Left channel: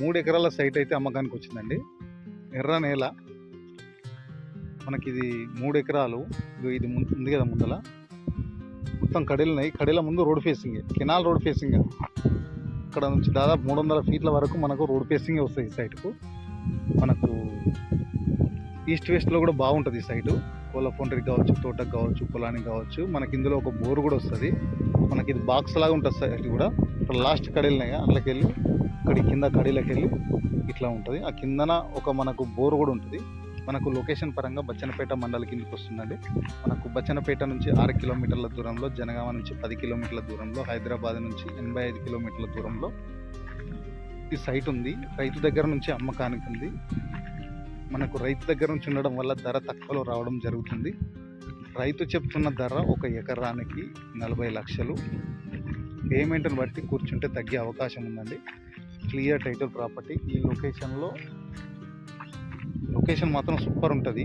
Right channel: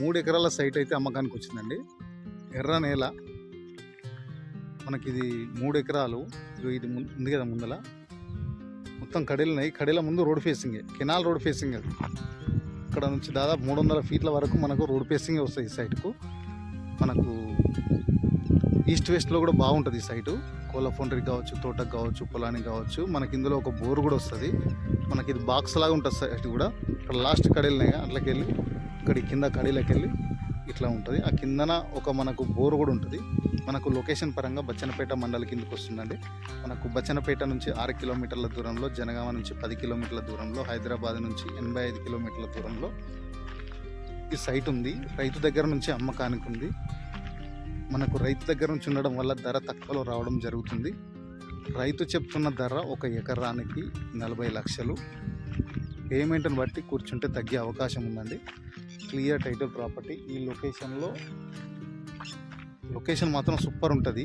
మూడు ఎకరాల సైట్ అయితే అమ్మకానికి వచ్చిందండి ఎర్ర నేల. మనకి ఇది మూడు ఎకరాలు ఇగో ఇది ఉంది కదా ముందల. మొత్తం కడేలున్నాయి. కడేల కడీల ముందు రోడ్ ఫేసింగే. Canal road facing. ఇక్కడ నుంచి దాదాపు మూడు వందల ఫీట్ల వరకు మనకు రోడ్ ఫేసింగే వస్తుంది ఈ సైట్కు. మనకు ఈస్ట్ వెస్ట్లో కూడా బాగుంటుంది ఈ సైటు. కోళ్ళ ఫౌండరీకి కావచ్చు తోటకు కావచ్చు పొలానికి కావచ్చు. మనకి ఇందులో ఒక బోర్ కూడా వస్తుంది. మనకి ఇది బాక్స్ లాగా ఉంటుంది సైట్ కూడా. ఇక్కడ లాస్ట్ కడీలున్నాయి అట్లకి వెళ్ళి అక్కడి కింద కడీలకు వెళ్ళి ఇట్లా ఉంటుంది. ఆ కిందన ఒక మనకు బోర్ కూడా ఉంటుంది. మనకు లొకేషన్ పరంగా బచ్చనపేట మండలి కిందకి వస్తుందండి. మనకు బచ్చనపేట నుంచి ఆరు కిలోమీటర్ల దూరంలో జనగామ నుంచి పది కిలోమీటర్ల దూరంలో హైదరాబాద్ నుంచి ఎనభై ఐదు కిలోమీటర్ల దూరంలో ఈ సైట్ ఉంది. రైతు దగ్గర నుంచి అమ్మకానికి ఉంది. మనకు రైతు దగ్గర నుంచి ఉండడం వల్ల ధర తక్కువలో రావడం జరుగుతుంది. రైతు చెప్తున్న ధర ఒక ఎకరానికి నలభై లక్షలు. పేమెంట్ని బట్టి కూర్చుంటే తగ్గే అవకాశం ఉందండి. క్లియర్ టైటిల్ ప్రాపర్టీ ఈ లొకేషన్లో. లొకేషన్ మాత్రం సూపర్ ఉంటుంది.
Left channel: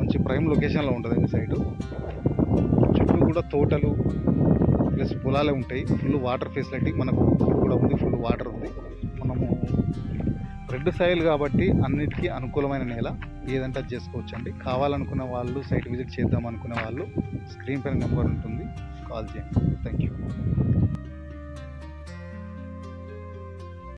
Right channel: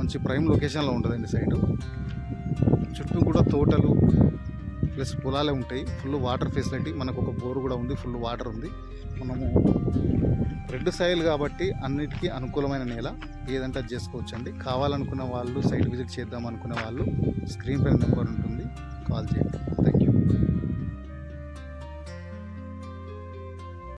మంచి ప్రైమ్ లొకేషన్లో ఉంటుంది సైడు. చుట్టూ కూడా తోటలు ప్లస్ పొలాలే ఉంటాయి. ఫుల్ వాటర్ ఫెసిలిటీ మనకు ఒక బోర్ కూడా ఉంది ఫుల్ వాటర్ ఉంది. మనము రెడ్ సాయిల్ కాబట్టి అన్నిటికీ అనుకూలమైన నేల. ఏదంటే అది చేసుకోవచ్చు అండి కావాలనుకున్న వాళ్ళు సైట్ విజిట్ చేద్దాం అనుకునే వాళ్ళు స్క్రీన్ పైన నెంబర్ ఉంటుంది. కాల్ చేయండి. Thank you